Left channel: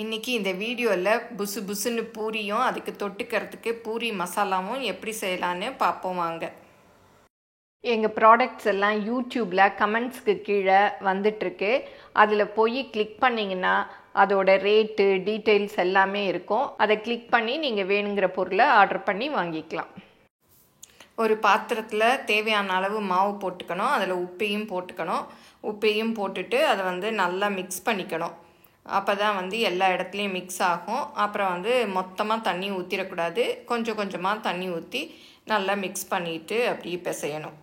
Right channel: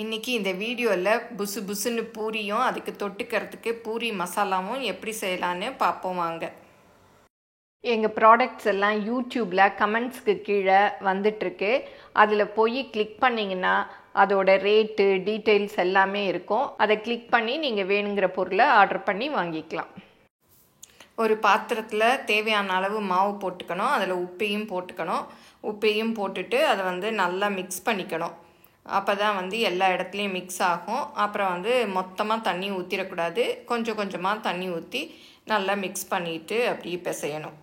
இன்றைக்கி இந்த வீடியோவில் புசு புசுன்னு பூரியும் அதுக்கு தொட்டுக்கிறதுக்கு பூரி மசாலாவும் எப்படி செய்யலான்னு பார்ப்போம் வாங்க. எங்கள் ப்ராடக்ட்ஸ் எல்லாம் யூடியூப்பில் கமெண்ட்ஸ்க்கு கீழே வந்துட்டுருக்கு. அதில் போய் கிளிக் பண்ணிங்கன்னா அதோட ரேட்டு டீட்டெயில்ஸ் எல்லாமே இருக்கும். அதை கிளிக் பண்ணி நீங்கள் வேணுங்கிற பொருளை ஆர்டர் பண்ணி வாங்கிக்கலாம். ஒரு பாத்திரத்தில் தேவையான அளவு மாவு போட்டுக்கணும். அதில் உப்பையும் போட்டுக்கணும். உப்பையும் போட்டுட்டு அதை நல்லா மிக்ஸ் பண்ணிக்கணும். அப்போ தான் எல்லா இடத்துலையும் மிக்ஸ் ஆகும். அப்புறம் மொத்தமாக தண்ணி ஊற்றிடக்கூடாது. கொஞ்சம் கொஞ்சமாக தண்ணி ஊற்றி நல்லா மிக்ஸ் பண்ணிட்டு அப்படியே பிசையணும்.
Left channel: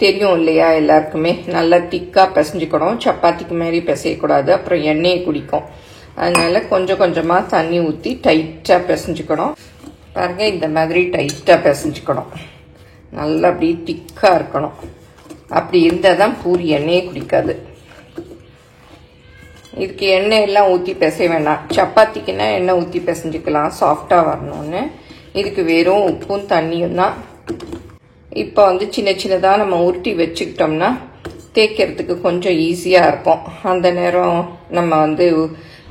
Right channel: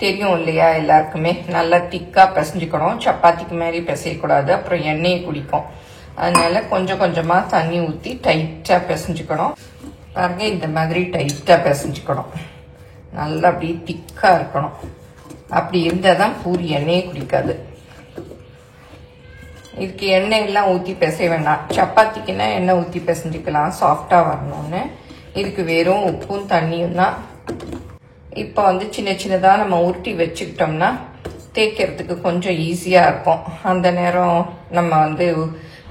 தெரியும் இல்லையா எல்லாருக்குமே, நல்லா திக்காக பிசைஞ்சுக்கணும். சப்பாத்திக்கு மாதிரி பிசையக்கூடாது, அப்புறம் எண்ணெயை குடிக்கும். அதனால கொஞ்சம் கொஞ்சமாக தண்ணி ஊற்றி டைட்டாக பிசைஞ்சுக்கணும். பாருங்க, இந்த மாதிரி டைட்டாக பிசைஞ்சுக்கணும். நல்லா அப்படியே திக்காக இருக்கணும். அப்படி இருந்தால் தான் பூரி எண்ணெயை குடிக்காது. இதுக்கு எண்ணெய் எல்லாம் ஊற்றி பிசைய வேண்டாம். சப்பாத்திக்குன்னா எண்ணெய் ஊற்றி பிசைஞ்சுக்கலாம் சாஃப்டாக வரணும்னு. இதுக்கு வெறும் உப்பும் தண்ணியும் தான். இப்போ சின்ன சின்னதாக நம்ம உருட்டி வச்சுக்கிட்டோம்னா தேய்க்கிறதுக்கு கொஞ்சம் ஈஸியாக இருக்கும். அந்த நேரம் நம்ம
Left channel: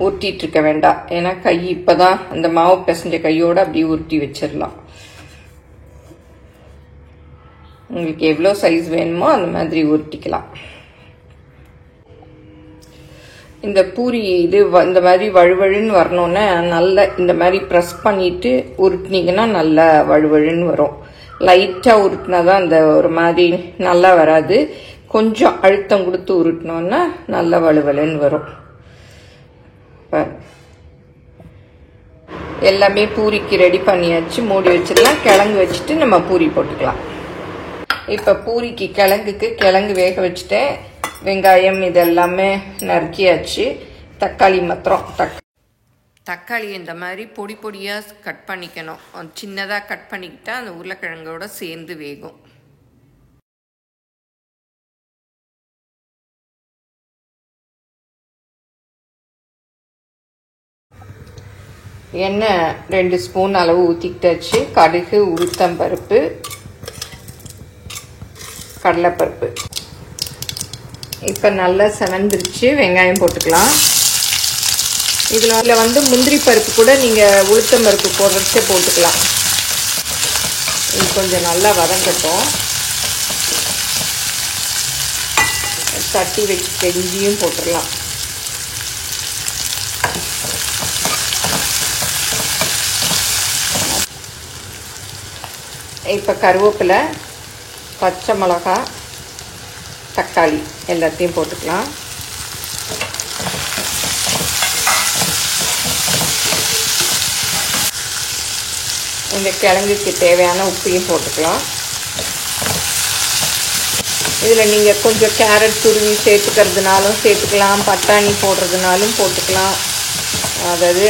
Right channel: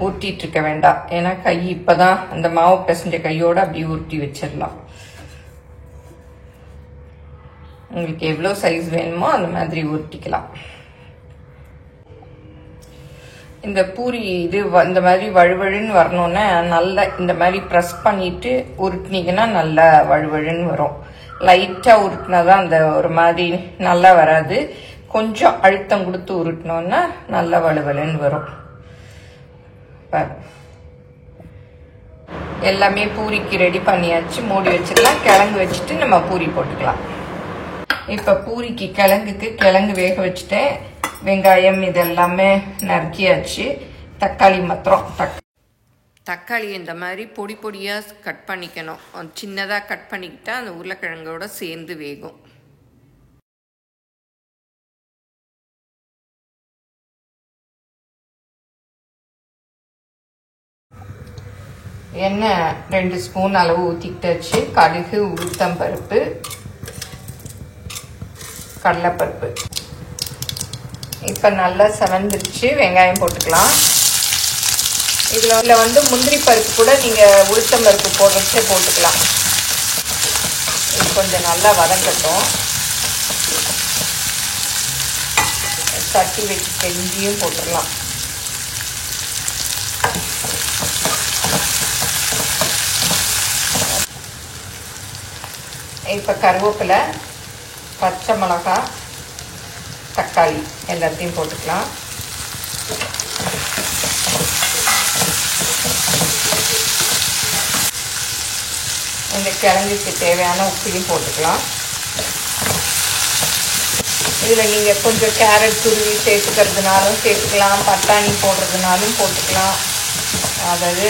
உருட்டிட்டு இருக்க வேண்டாம். ஏன்னா கை இப்போதான் அந்த மாவு பிசைஞ்ச கையோடு அப்படியே உருட்டி வச்சிடலாம். உங்களுக்கு எவ்வளோ சைஸ் வேணுமோ அந்த மாதிரி உருட்டிக்கலாம். இந்த பூரி இந்த மாதிரி வழுவழுன்னு வரணும்னா நல்லா இந்த மாதிரி ப்ரெஸ் பண்ணிட்டு உருட்டினீங்கன்னா நல்லா வழுவழுன்னு வரும். லைட்டாக உருட்டினாதான் அந்த ஒரு மாதிரி நல்லா வராது. கொஞ்சம் அழுத்தம் கொடுத்து உருட்டினோன்னா நல்லா வழுவழுன்னு வரும். எல்லாமே பூரிக்கு ரெடி பண்ணியாச்சு. மூடி வச்சுக்கலாம். கிழங்கு வச்சுட்டு நம்ம பூரி போட்டுக்கலாம். இப்போ பூரிக்கு கிழங்கு வேக வச்சுட்டேன். வெங்காயம் இதெல்லாமே நறுக்கியாச்சு. தக்காளி மாத்திரம் தக்காளி இந்த மாதிரி பொடி பொடியாக கட் பண்ணிக்கணும். சின்னதாக கட் பண்ணிக்கிட்டா அந்த உருளைக்கிழங்கோட சேர்ந்து வேகும். எண்ணெய் 2 ஸ்பூன் அளவு ஊற்றிக்கிட்டாச்சு. கடுகு, உளுத்தம்பருப்பு, கடலைப்பருப்பு. இப்போ நல்லா செவந்துருச்சு. வெங்காயம் போட்டுக்கலாம். இதில் முந்திரி பருப்பு கூட நீங்கள் உளுத்தம் பருப்பு போடுறதே போட்டுக்கலாம். இது கொஞ்சம் நல்லா வதக்கட்டும். தட்டி வச்சு தெரிஞ்சியும் போட்டுக்கலாம். இப்போ கருவேப்பிலை, பச்சை மிளகாய், தக்காளி எல்லாத்தையும் போட்டுக்கலாம். இந்த கிழங்குக்கு தேவையான உப்பையும் போட்டுக்கலாம். இதில் நீங்கள் கொஞ்சம் கேரட் துருவி சேர்த்துக்கிறதுனாலும் சேர்த்துக்கலாம், பட்டாணி போடுறதுனாலும் போட்டுக்கலாம். அதாவது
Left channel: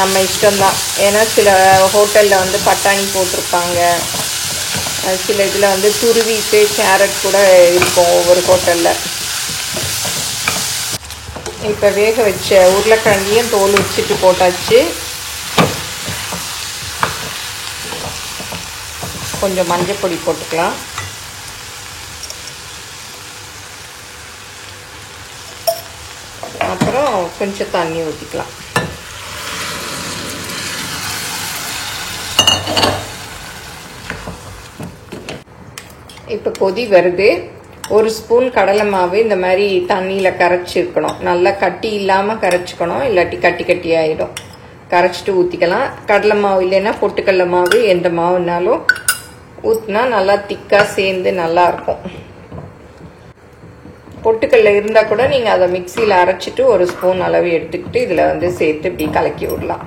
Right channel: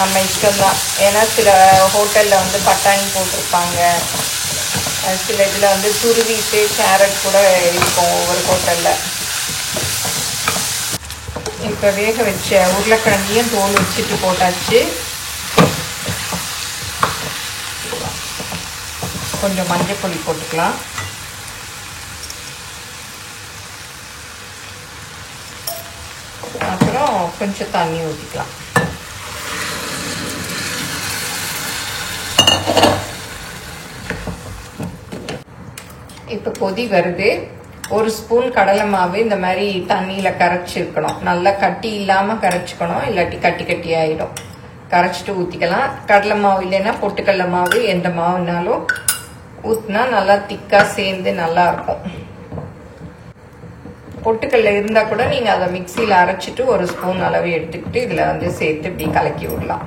நம்ம இஷ்டம்தான். ஏன்னா சில ஹோட்டலில் பட்டாணி போட்டிருப்பாங்க. சில இதில் துருவிட்டு கேரட் கூட இருக்கும் ஒவ்வொரு ஹோட்டலில். இப்போ வேக வச்ச உருளைக்கிழங்கையும் தோல் வச்சுட்டு போட்டாச்சு. கொஞ்சம் மஞ்சள் பொடி போட்டுக்கலாம். அப்புறம் கொஞ்சம் தண்ணி ஊற்றிக்கலாம். இப்போ கொதி வருது. 1 ஸ்பூன் கடலை மாவு இந்த மாதிரி தண்ணியில் கரைச்சிருக்கணும். நல்லா கட்டி இல்லாமல் கரைச்சிக்கணும், இல்லாட்டி கட்டி கட்டி ஆகிடும். கரைச்சிட்டு ஊற்றிக்கலாம். கடலை மாவு இல்லைன்னா பொட்டுக்கடலை மாவு, எந்த மாவுனாலும் ஊற்றினா நல்லா திக்காக சேர்ந்து நல்லா இருக்கும். பொட்டுக்கடலை இருந்தால் கூட நீங்கள் அதை மிக்சியில் அரைச்சிட்டு 1 ஸ்பூன் அளவு எடுத்துக்கிட்டு இதில் சேர்த்து இப்படி கலக்கி விடலாம்.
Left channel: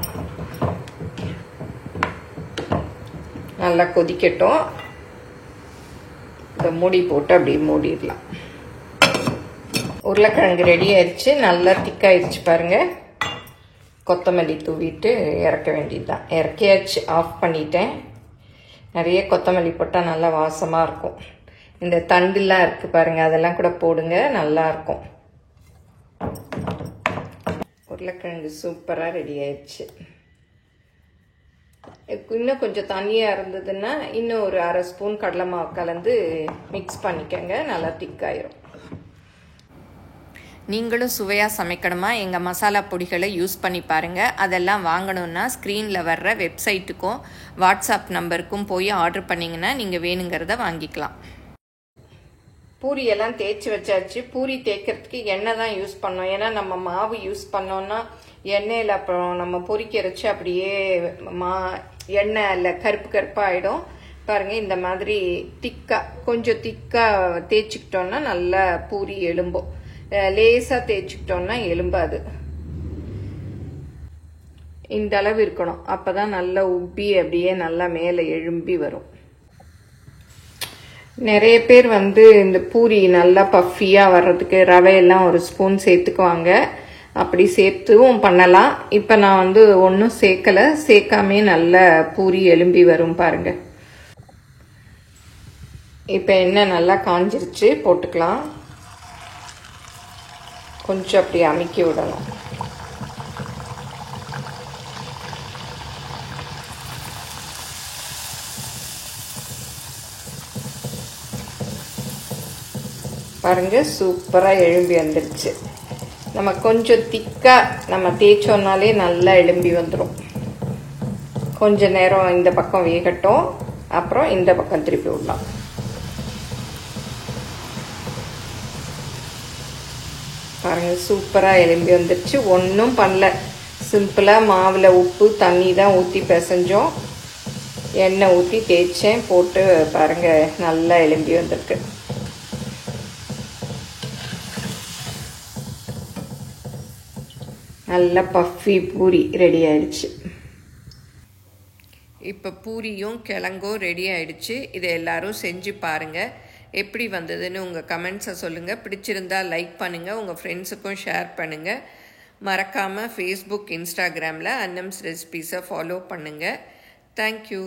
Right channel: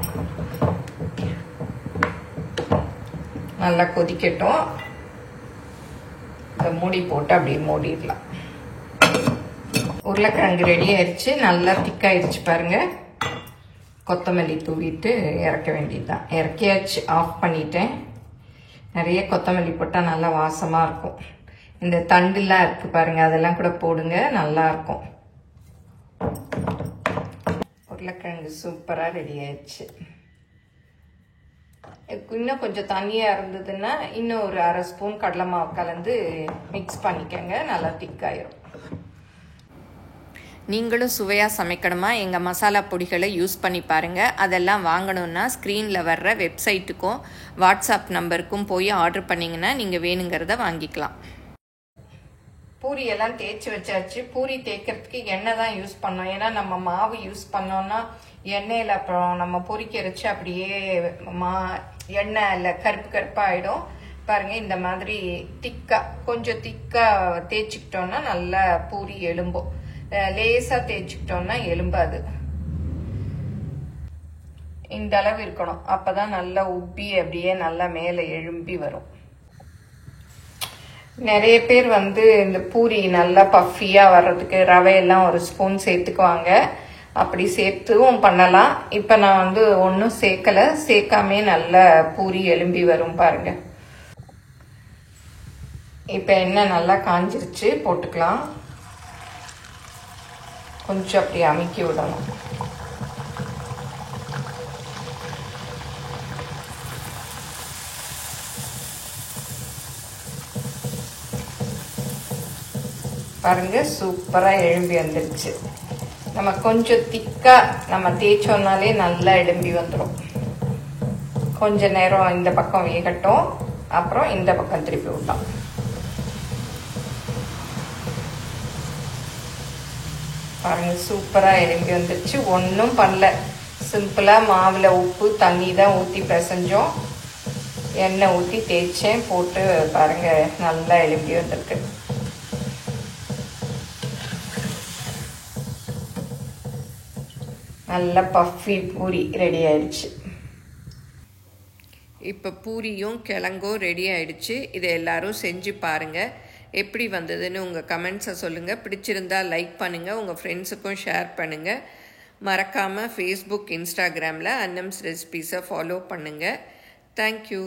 நல்லா கொதிக்கட்டும். மூடி போட்டு அப்படியே மூடிடலாம். உருளைக்கிழங்கு ரெடி ஆயிடுச்சு. நல்லா திக்காயிடுச்சு பாருங்க. கொத்தமல்லி தூவிட்டு இறக்க வேண்டியதுதான். இறக்கியாச்சு. ஆஃப் பண்ணிட்டேன். நிறைய கொத்தமல்லி போட்டால் நல்லா வாசமாக இருக்கும். இந்த தண்டுலாம் இருக்கு பாருங்க, அதெல்லாம் கூட போடுங்க, நல்லா இருக்கும். உருளைக்கிழங்கு சூப்பராக ரெடி ஆயிடுச்சு. இன்னும் கொஞ்சம் தண்ணியாக இருந்ததுன்னா இன்னும் ஒரு 1/2 ஸ்பூன் கடலை மாவு கலந்து மிக்ஸ் பண்ணிக்கங்க. நல்லா திக்காயிரும். நீங்களும் சுவையாக சமைக்கணுமா எங்கள் மசாலா பொடிகளை யூஸ் பண்ணி பாருங்கள். அதெல்லாம் வாங்கணுன்னா ஸ்க்ரீனில் வர்ற வெப்சைட்டுக்கும் வாட்ஸ்அப் நம்பருக்கும் போய் ஆர்டர் பண்ணிங்கன்னா நீங்கள் வேணுங்கிறத வாங்கிக்கலாம். பூரியெல்லாம் தேய்ச்சி வச்சாச்சு. பூரி தேய்க்கிறதுக்கு எண்ணெய் தான் யூஸ் பண்ணோம். ஏன்னா நம்ம மாவு யூஸ் பண்ணோன்னா எண்ணெயில் அப்புறம் நம்ம பொரிக்கிறச்சு அப்படியே எண்ணெய் இல்லை கருப்பு கருப்பாக ஆகிடும். பாருங்கள், இந்த மாதிரி கொஞ்சம் திக்காக தேய்ச்சிக்கிட்டோன்னா நல்லா பூரி எலும்பும். லேசாக தேய்ச்சிக்கிட்டோன்னா எலும்பாது. இந்த அளவு இருக்கணும். அப்போ தான் நல்லா உப்பி அப்படியே நல்லா மேலே எழும்பி வரும். நிறைய பேர் இந்த பூரி நல்லா பஃபியாக வர்றதுக்கு ரவையெல்லாம் ஒரு ஸ்பூன் சேர்த்துக்குவாங்க. அப்படி சேர்த்துவும் பண்ணலாம். இப்போ நான் ஒன்றும் சேர்க்கலை. சேர்க்காமே நல்லா பூரி எலும்பி வரும் பாருங்க. இப்போ எண்ணெய் நல்லா காஞ்சிருச்சு, போட்டுக்கலாம். கொஞ்சம் அப்படி அமுக்கி விடணும். பாருங்க, சூப்பரா எழும்பி வந்துருச்சு. நம்ம கொஞ்சம் திக்கா நம்ம தேய்ச்சோம்னாலே நல்லா எழும்பி வந்துடும். கொஞ்ச நேரம் இந்த பக்கம் வேகட்டும், அப்புறம் இந்த பக்கம் திருப்பி விடலாம். பாருங்க, சூப்பரா எழும்பி வந்துருச்சு. ஒன்றும் பண்ணல, சிம்பிளா மாவுல உப்பு தண்ணி தான் ஊற்றி பிசைஞ்சோம். எண்ணெய் ஊற்றி தேய்ச்சேன், போட்டு பாருங்க நல்லா எழும்பி வந்திருக்கு. நல்ல பஃபி பூரி ரெடி ஆயிடுச்சு. இப்போ பூரியும் கிழங்கும் ரெடி ஆயிடுச்சு. இதை எல்லாரும் செஞ்சு பாருங்கள். எப்படி வந்ததுன்னு உங்கள் கமெண்ட்ஸை சொல்லுங்கள். பிடிச்சிருந்தா லைக் பண்ணுங்கள், உங்கள் ஃப்ரெண்ட்ஸுக்கும் ஷேர் பண்ணுங்கள். மறக்காமல் ஃபேஸ்புக், இன்ஸ்டாகிராமில் அன்னம்ஸ் ரெசிபீஸை ஃபாலோ பண்ணுங்கள். தேங்க்யூ.